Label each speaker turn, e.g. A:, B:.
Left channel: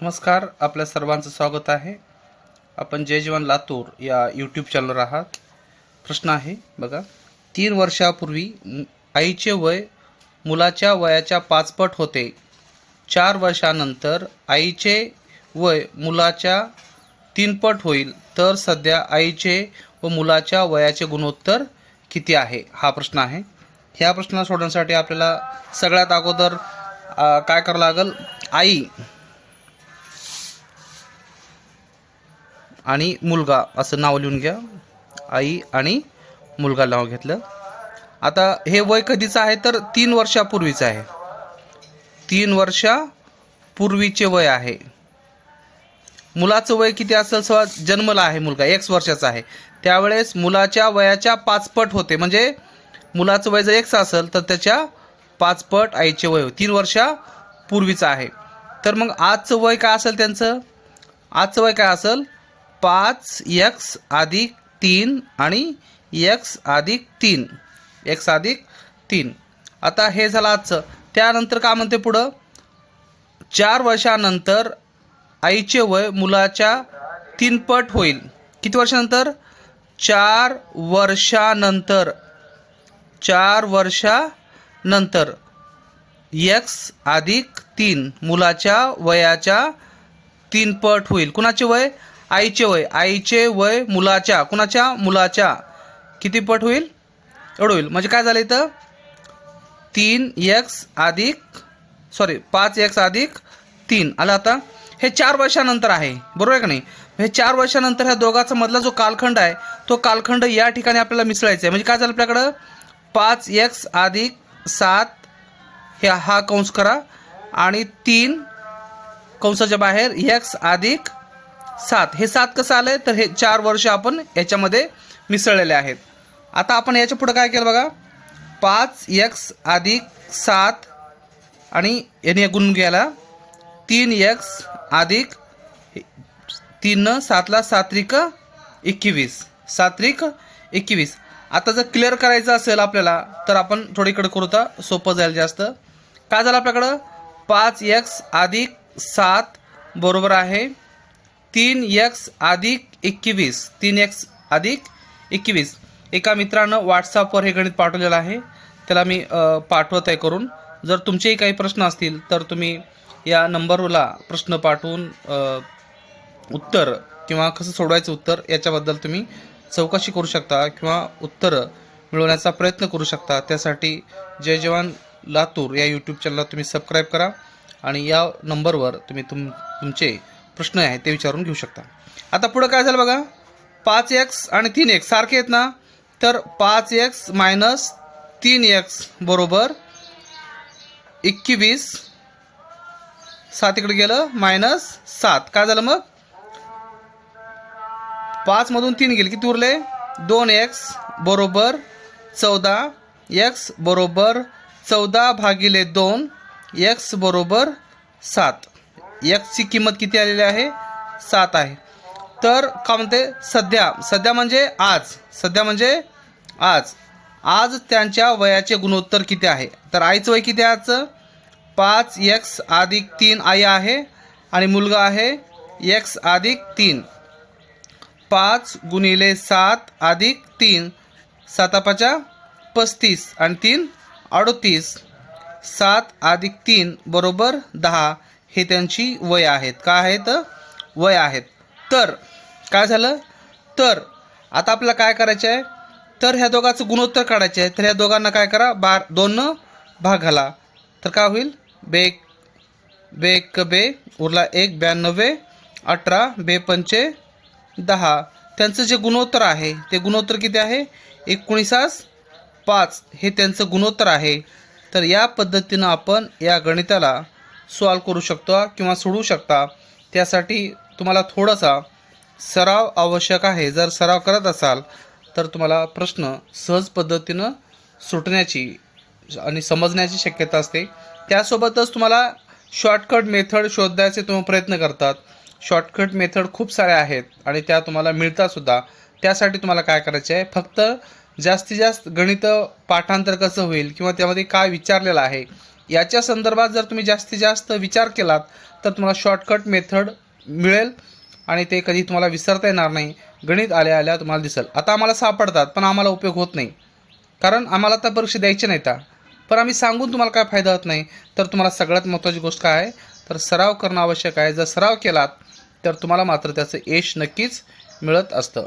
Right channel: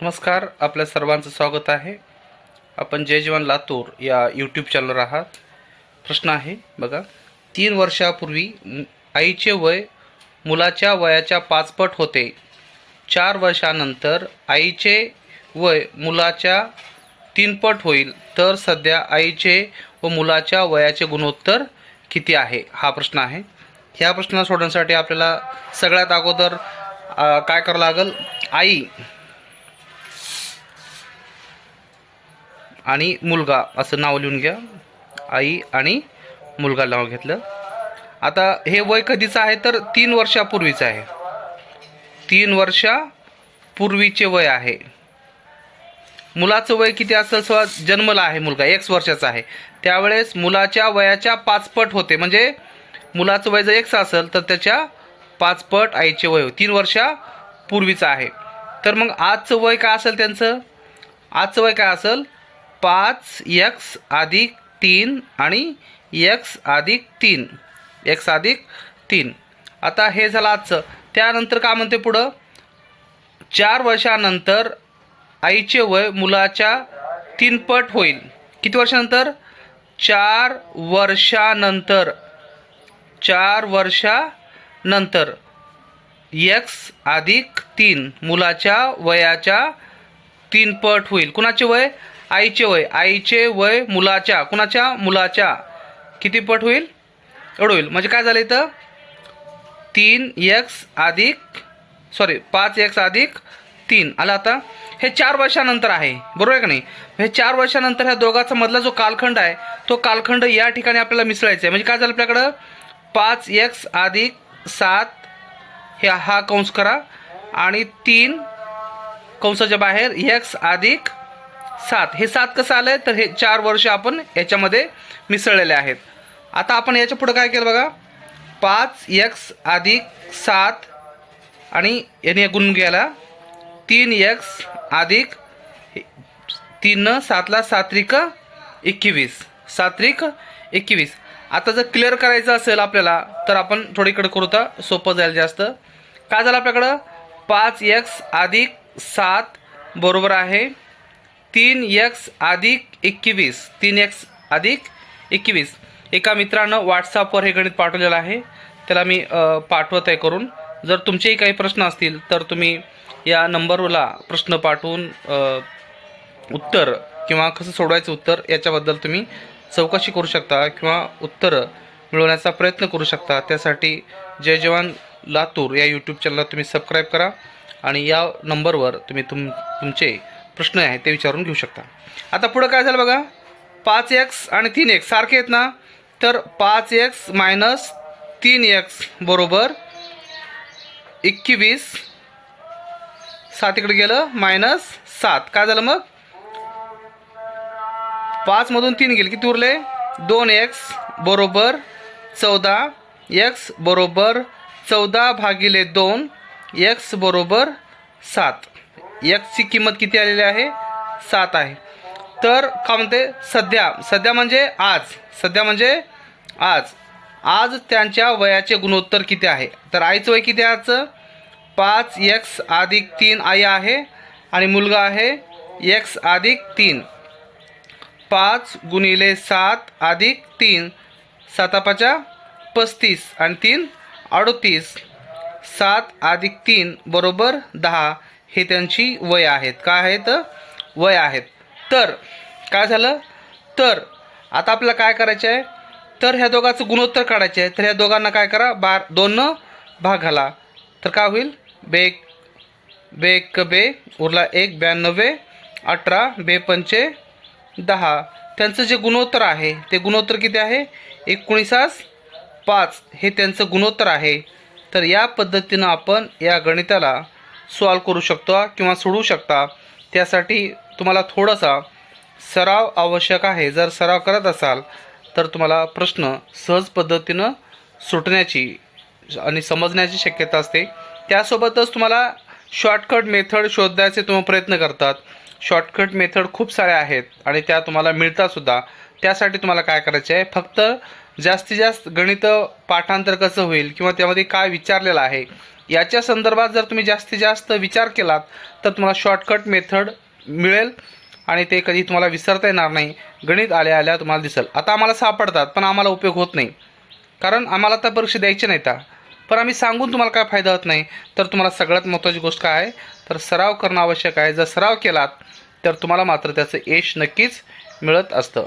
A: नमस्कार आपल्या सर्वांचं स्वागत आहे. आपण जय जवान लातूर या यूट्यूब चॅनलवर आहात. प्रश्न आहे बघा. तीन वर्षापूर्वी आईचे वय मुलाच्या वयाच्या पाचपट होते. चार वर्षानंतर आईचे वय मुलाच्या तीनपट होईल. तर सध्या आईचे व मुलाच्या वयाचे गुणोत्तर किती आहे? हा प्रश्न आहे. ह्या प्रश्न सोडवण्यासाठी आपल्याला सगळ्यात अगोदर काय करावं लागेल? आई आणि मुलगा असं नाव लिहून घ्या. आई आणि मुलगा नाव घेतलं. आता हे वय कधीचं आहे? तर तीन वर्षापूर्वीचं आहे. तीन वर्षापूर्वीचे वय आहे. मुलाचं वय किती असेल? सवा जन्मला आहे मुलगा एक वर्षाचा आहे. त्यावेळेस मुलाच्या वयाच्या पाचपट होते. म्हणजे मुलाचं वय जर एक्स असेल तर त्याच्या पाचपट आईचे वय तीन वर्षापूर्वीचं आहे. तर मग आजचं वय काय असेल त्यांचं? आजचं वय काय असेल? पाच एक्स अधिक तीन आणि एक्स अधिक तीन. एक्स अधिक तीन. आता हे झालं आजचं. त्यानंतर काय म्हणते पुढं? चार वर्षानंतर आईचे वय मुलाच्या तीनपट होईल. किती वर्षानंतर? चार वर्षानंतर. चार वर्षानंतर. एक्स अधिक तीन. मुलाच्या वयाच्या तीनपट होईल. कुणाचे वय? आईचे वय आईचे वय मुलाच्या कुणाच्या? मुलाच्या. किती पट होईल? एवढं होईल. म्हणजे काय झालं इथं? तीन एक्स अधिक सॉरी पाच एक्स अधिक तीन. आलं आता? हे चार वर्षानंतर आहे. बरोबर आहे का नाही? हे चार वर्षानंतर ह्या दोघाचा मधला जो कालखंड आहे तो कालखंड या ठिकाणी आपल्याला मिसळायचा आहे. म्हणजे काय झालं आपल्याकडं? पाच एक्स अधिक सात हे हा कंस करा. आणि तीन कंसाच्या बाहेर एक्स अधिक सात. हे सात कसं आलं आहे तर हे चार वर्ष आपण याच्यामध्ये मिसळलेले आहेत. आता आपण याच्या पुढं काय केलं बघा? पाच एक्स अधिक सात आणि याने गुण घ्यायला. तीन एक्स अधिक तीन सातला सात्रिक एकवीस. सात्रिक एकवीस. आता जर क्लिअर करायचं असेल आपल्याला तर आपण थोडीकडे करू तर सोपं जाईल जास्त. काय झालं आपल्याकडं? पाच एक्स अधिक सात बरोबर आहे. तीन एक्स अधिक एकवीस तीन एक्स अधिक एकवीस. एका मित्रानं व्हॉट्सअपवर हे गणित पाठवलेलं आहे. त्याला मी पाठवत आहे करून. जर तुमचेही काही प्रश्न असतील तर तुम्ही या नंबरला प्रश्न पाठवून उत्तर किंवा कसं सोडवायचं उत्तर याच्याबद्दल तुम्ही चौकशी करू शकता किंवा उत्तरं मिळवण्याचा प्रयत्न करू शकता. त्यासाठी जय जवान लातूर या यूट्यूब चॅनलला तुम्ही सबस्क्राईब करा आणि या नंबरवर तुम्ही तुम तुमचे प्रश्न आहे ते विचारून घेऊ शकता. आता पुढं काय झालं बघा? पाच एक्स आणि तीन एक्स सारखे आहेत ना? तर पाच एक्स मायनस तीन एक्स बरोबर एकवीस. सात इकडे गेलं मायनस सात. काय झालं मग? पाचमधून तीन गेले. किती उरले? दोन एक्स बरोबर चौदा. एक्स बरोबर चौदा भागिले दोन. एक्स बरोबर सात. एक्सची किंमत किती आलेली आहे? सात आहे. तर का म्हणते? सध्या सध्या म्हणजे आज. सध्या म्हणजे आज. आज त्यांच्या वयाचे गुणोत्तर किती आहे? तर आईचं वय किती आहे आजचं? पाच एक्स अधिक तीन आई आहे आणि मुलगा आहे एक्स अधिक तीन. पाच गुणिले सात अधिक तीन. सातापाच्या पस्तीस. आणि तीन अडोतीस. सात अधिक तीन बरोबर दहा. हे त्यांची वय आहेत. काय आहेत? वय आहेत. तर काय झालं? तर आता आपल्याला काय करायचं आहे? तर ह्या दोघांचं गुणोत्तर काढायचे आहे. तर ह्या दोघांना काय करा? बार दोननं भाग घाला. तर काय होईल? बे बे एक बे उरला एक ब्याण्णवे अठरा बे पंचे दहा. त्यांचं जे गुणोत्तर आहे ते गुणोत्तर किती आहे? एकोणीसास पाच. हे त्यांचं गुणोत्तर आहे. तर या पद्धतीनं आपण या गणिताला सॉल्व करू शकतो किंवा सोडवू शकता. त्यासाठी तुम्हाला थोडासा सराव आवश्यक आहे. जर सराव करत असाल तर तुम्हाला प्रश्न सहज पद्धतीनं सुटण्याची आणि समजण्याची शक्यता असते. त्यासोबतच तुम्हाला शॉर्टकट मेथड शोधण्याचे तुम्ही प्रयत्न करतात. शॉर्टकट मेथड खूप साऱ्या आहेत आणि त्या तुम्हाला मिळतात सुद्धा. त्यासाठी तुम्हाला काय करायचे आहे? फक्त जास्तीत जास्त गणित पाठांतर कसं होईल किंवा त्यामध्ये काय विचारलेलं आहे याच्या संदर्भात जर तुम्ही जास्तीत जास्त विचार केलात तर तुम्हाला शॉर्टकट मेथड मिळेल आणि ते कधी तुम्हाला विसरता येणार नाही. गणित आल्या आल्या तुम्हाला दिसेल. आता आम्हाला सापडतात पण आम्हाला उपयोग होत नाही. कारण आम्हाला तर परीक्षा द्यायची नाही त्या पण आम्ही सांगून तुम्हाला काय फायदा होत नाही? तर तुम्हाला सगळ्यात महत्त्वाची गोष्ट काय? आहे तर सराव करणं आवश्यक आहे. जर सराव केलात तर तुम्हाला मात्र त्याचं यश नक्कीच मिळत असतं.